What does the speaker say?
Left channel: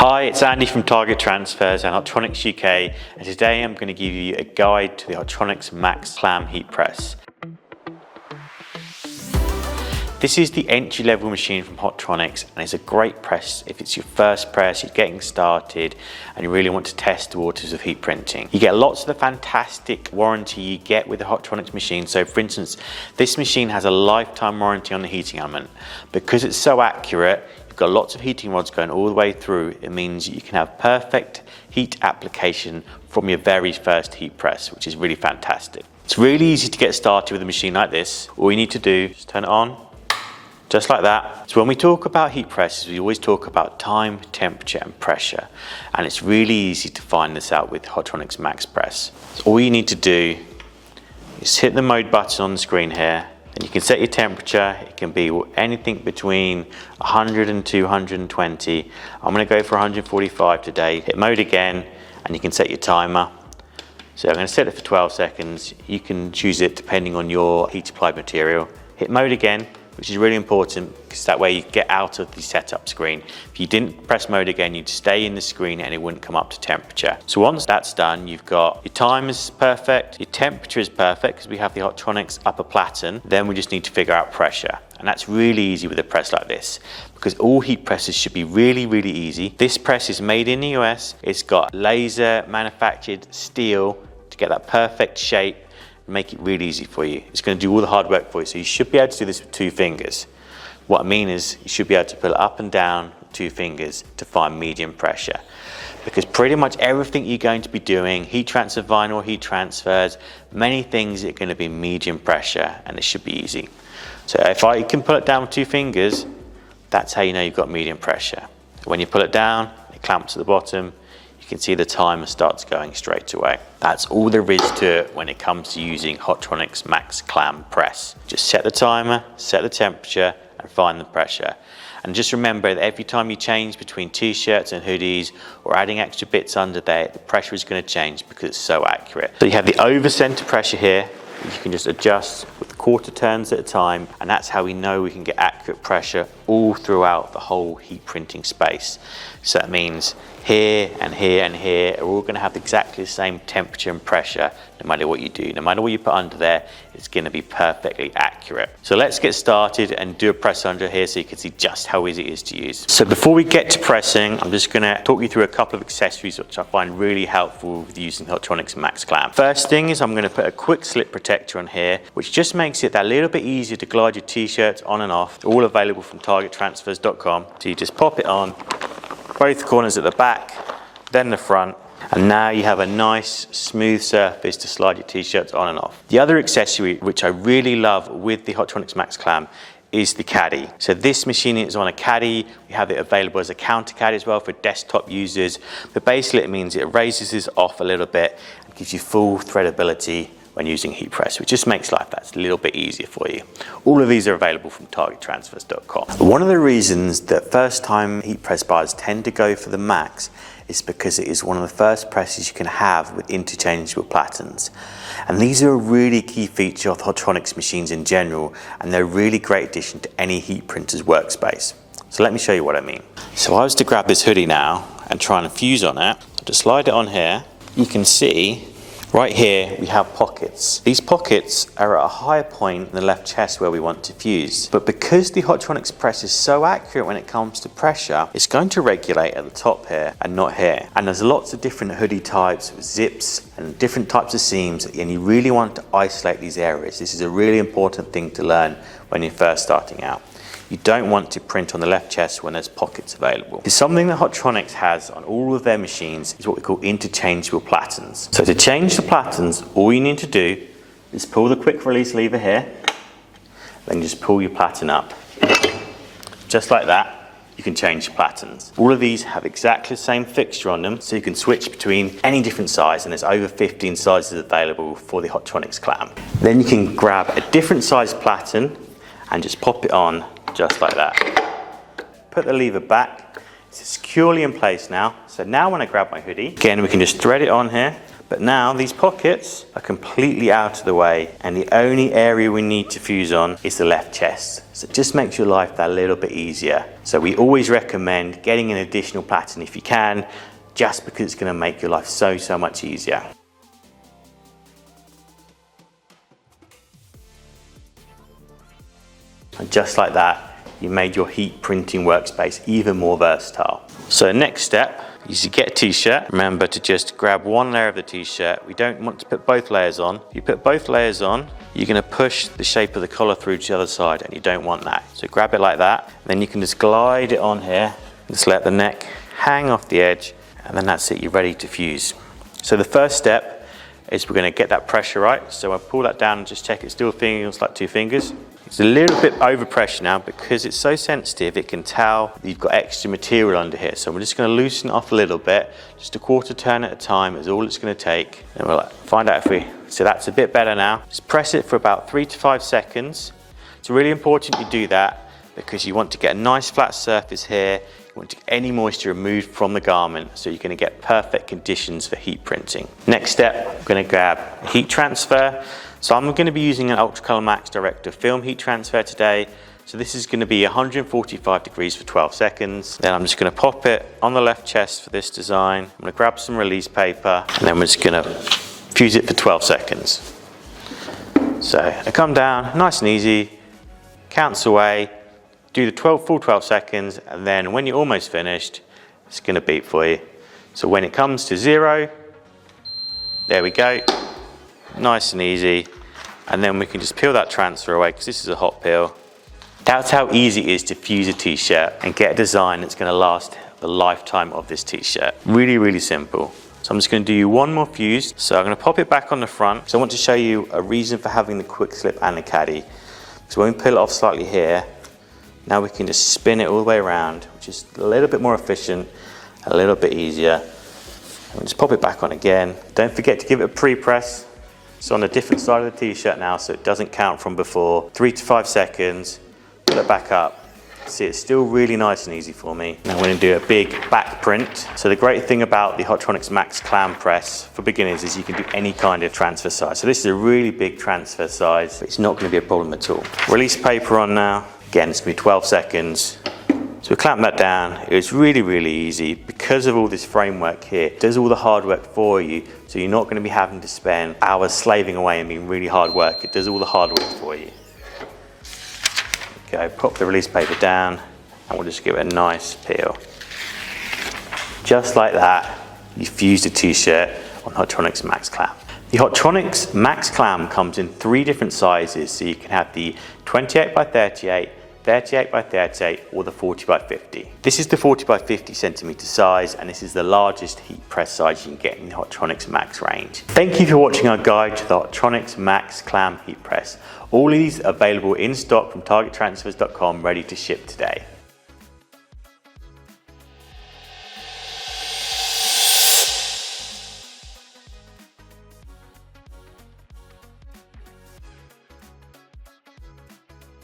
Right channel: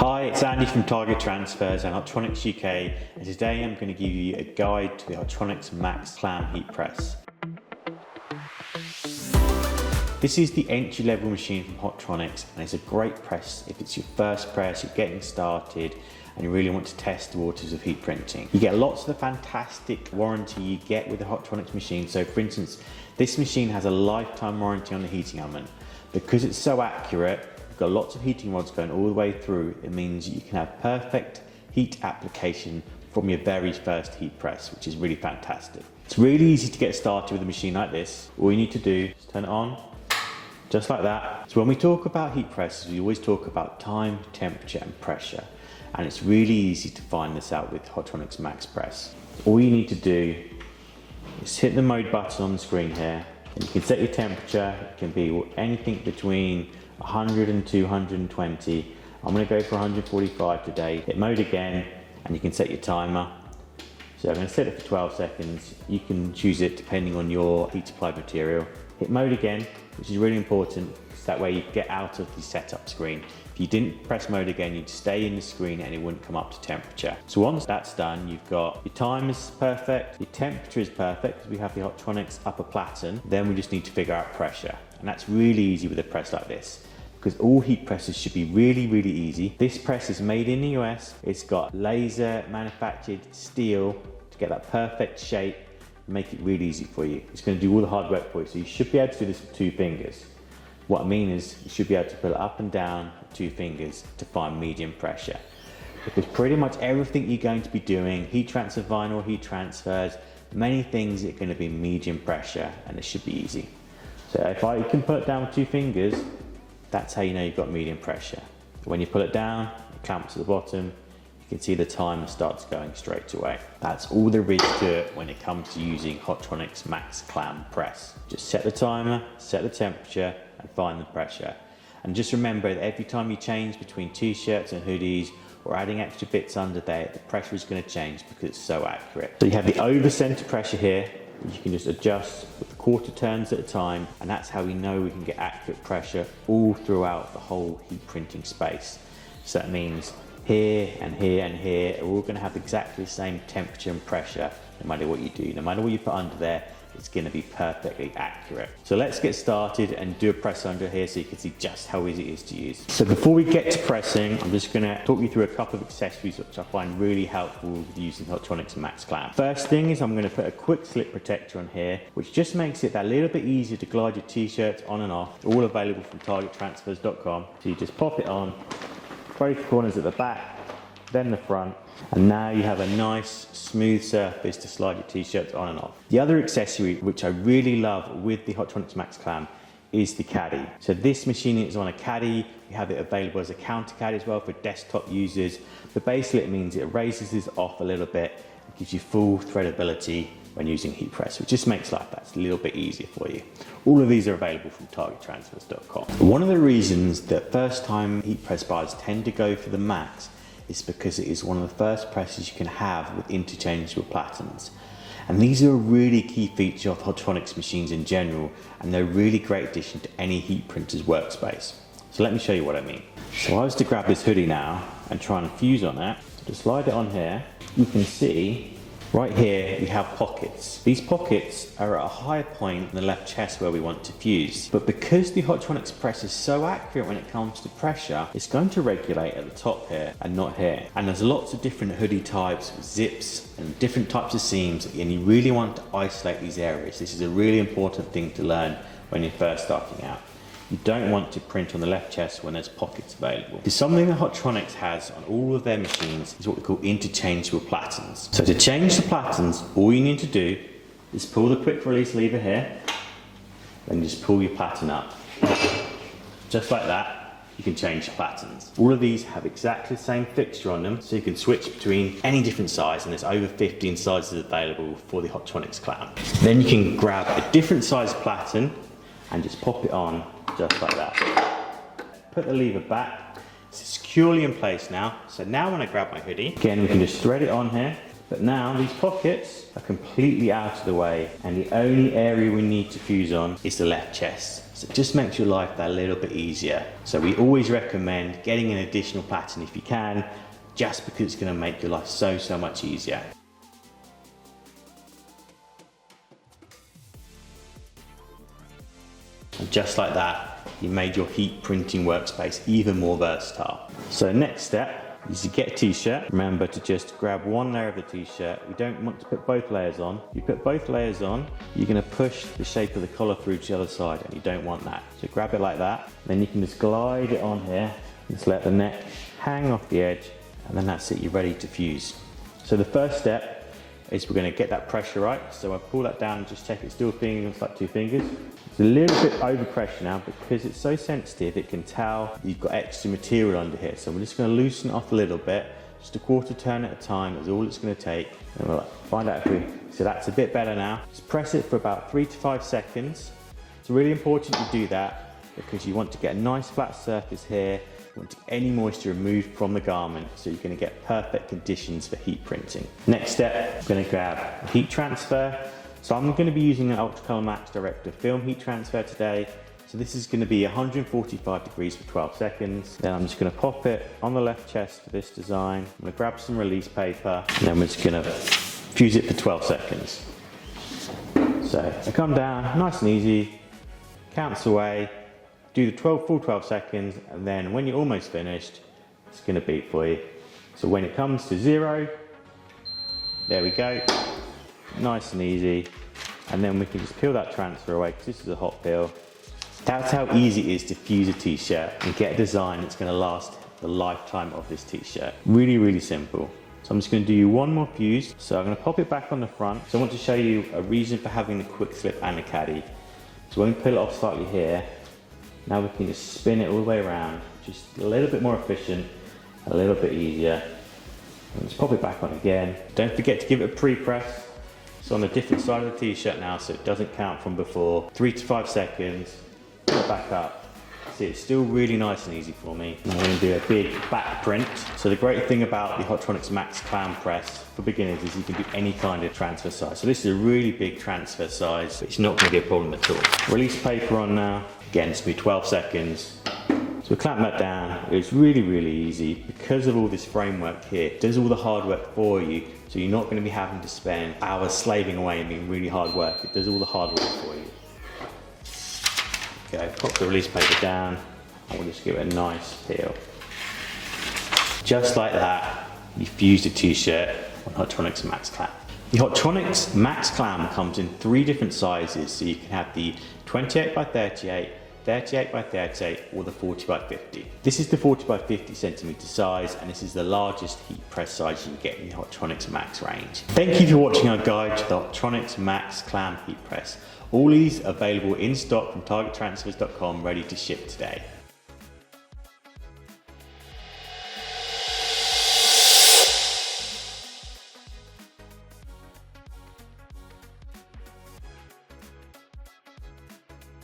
Hi, it's Andy from Target Transfers and Hotronix UK, and today I'm going to give you a guide to the Hotronix MAXX Clam heat press. This is the entry-level machine from Hotronix, and it's a great press if it's your first press, you're getting started, and you really want to test the waters of heat printing. You get lots of the fantastic warranty you get with the Hotronix machine. So for instance, this machine has a lifetime warranty on the heating element. Because it's so accurate, you've got lots of heating rods going all the way through. It means you can have perfect heat application from your very first heat press, which is really fantastic. It's really easy to get started with a machine like this. All you need to do is turn it on, just like that. So when we talk about heat presses, we always talk about time, temperature and pressure. And it's really easy to find this out with Hotronix MAXX Press. So all you need to do is hit the mode button on the screen here, and you can set your temperature. It can be anything between 100 and 220. I'm gonna go for 145 today. Hit mode again, and you can set your timer. So I'm gonna set it for 12 seconds. You can choose it depending on your heat applied material. Hit mode again, which is really important because that way you get out of the setup screen. If you didn't press mode again, you'd stay in the screen and it wouldn't come up to temperature. So once that's done, you've got your time is perfect, your temperature is perfect because we have the Hotronix upper platen. Then we just need to figure out pressure. And that's really easy with a press like this, because all heat presses should be really, really easy. This press is made in the US. It's got laser manufactured steel to get that perfect shape. Make it really easy for you. It's going to do all the hard work for you. So you should be able to do this with 2 fingers. What I mean is you should be able to pull it up and down with 2 fingers to find medium pressure. Because pretty much everything you're going to be doing, heat transfer vinyl, heat transfers, many things are going to be medium pressure, and it should be easy. So if I can pull it down with 2 fingers, that's how you know you've got medium pressure. When you pull it down, it clamps at the bottom. You can see the timer starts going straight away. That's all there is to it when it comes to using Hotronix MAXX Clam press. Just set the timer, set the temperature, and find the pressure. And just remember that every time you change between t-shirts and hoodies or adding extra bits under there, the pressure is going to change because it's so accurate. So you have the over center pressure here. You can just adjust with quarter turns at a time, and that's how we know we can get accurate pressure all throughout the whole heat printing space. So that means here and here and here are all going to have exactly the same temperature and pressure no matter what you do. No matter what you put under there, it's going to be perfectly accurate. So let's get started and do a press under here so you can see just how easy it is to use. So before we get to pressing, I'm just going to talk you through a couple of accessories which I find really helpful with using Hotronix MAXX Clam. First thing is I'm going to put a quick slip protector on here, which just makes it that little bit easier to glide your t-shirts on and off. All available from targettransfers.com. So you just pop it on, both corners at the back, then the front, and now you have a nice smooth surface to slide your t-shirts on and off. The other accessory which I really love with the Hotronix MAXX Clam is the caddy. So this machine is on a caddy. We have it available as a counter caddy as well for desktop users, but basically it means it raises this off a little bit and gives you full threadability when using heat press, which just makes life that little bit easier for you. All of these are available from targettransfers.com. One of the reasons that first time heat press buyers tend to go for the MAXX is because it is one of the first presses you can have with interchangeable platens. And these are a really key feature of Hotronix machines in general, and they're a really great addition to any heat printer's workspace. So let me show you what I mean. So I was to grab this hoodie now and try and fuse on it. Just slide it on here. You can see right here we have pockets. These pockets are at a higher point in the left chest where we want to fuse. But because the Hotronix press is so accurate when it comes to pressure, it's going to regulate at the top here and not here. And there's lots of different hoodie types with zips and different types of seams, and you really want to isolate these areas. This is a really important thing to learn when you're first starting out. You don't want to print on the left chest when there's pockets available. It's something that Hotronix has on all of their machines is what we call interchangeable platens. So to change the platens, all you need to do is pull the quick release lever here, then just pull your platen up. Just like that, you can change the platens. All of these have exactly the same fixture on them, so you can switch between any different size, and there's over 15 sizes available for the Hotronix Clam. Then you can grab a different size platen and just pop it on just like that. Put the lever back. It's securely in place now. So now when I grab my hoodie, again we can just thread it on here, But now these pockets are completely out of the way, and the only area we need to fuse on is the left chest. So it just makes your life that little bit easier. So we always recommend getting an additional platen if you can, just because it's going to make your life so much easier. And just like that, you made your heat printing workspace even more versatile. So next step is to get a t-shirt. Remember to just grab one layer of the t-shirt. We don't want to put both layers on. If you put both layers on, you're going to push the shape of the collar through to the other side, and you don't want that. So grab it like that, then you can just glide it on here. Just let the neck hang off the edge, and then that's it, you're ready to fuse. So the first step is we're going to get that pressure right. So I'll pull that down and just check it still feels like 2 fingers. It's a little bit over pressure now because it's so sensitive, it can tell you've got extra material under here. So we're just going to loosen it off a little bit, just a quarter turn at a time is all it's going to take. And we'll find out if we, so that's a bit better now. Just press it for about 3 to 5 seconds. It's really important you do that because you want to get a nice flat surface here. You want to get any moisture removed from the garment so you're going to get perfect conditions for heat printing. Next step, I'm going to grab a heat transfer. So I'm going to be using an Ultra Color Max Director film heat transfer today. So this is going to be 145 degrees for 12 seconds. Then I'm just going to pop it on the left chest for this design. I'm going to grab some release paper, and then we're just going to fuse it for 12 seconds. So I come down, nice and easy, counts away, do the full 12 seconds, and then when you're almost finished, it's going to beep for you. So when it comes to 0, there we go. Nice and easy, and then we can just peel that transfer away because this is a hot peel. That's how easy it is to fuse a t-shirt and get a design that's going to last the lifetime of this t-shirt. Really simple. So I'm just going to do one more fuse. So I'm going to pop it back on the front. So I want to show you a reason for having the quick slip and the caddy. So when we peel it off slightly here, now we can just spin it all the way around, which is a little bit more efficient, a little bit easier. And just pop it back on again. Don't forget to give it a pre-press. It's on a different side of the t-shirt now, so it doesn't count from before. 3 to 5 seconds, pull it back up. See, it's still really nice and easy for me. Now we're going to do a big back print. So the great thing about the Hotronix MAXX Clam press for beginners is you can do any kind of transfer size. So this is a really big transfer size, but it's not going to be a problem at all. Release paper on now. Again, it's going to be 12 seconds. So we clamp that down. It's really easy because of all this framework here. It does all the hard work for you, so you're not going to be having to spend hours slaving away and being really hard work. It does all the hard work for you. Okay, pop the release paper down, and we'll just give it a nice peel. Just like that, you fused a t-shirt on Hotronix MAXX Clam. The Hotronix MAXX Clam comes in 3 different sizes, so you can have the 28 by 38, 38 by 38 or the 40 by 50. This is the 40 by 50 centimeter size, and this is the largest heat press size you can get in the Hotronix MAXX range. Thank you for watching our guide to the Hotronix MAXX Clam heat press. All these are available in stock from targettransfers.com, ready to ship today.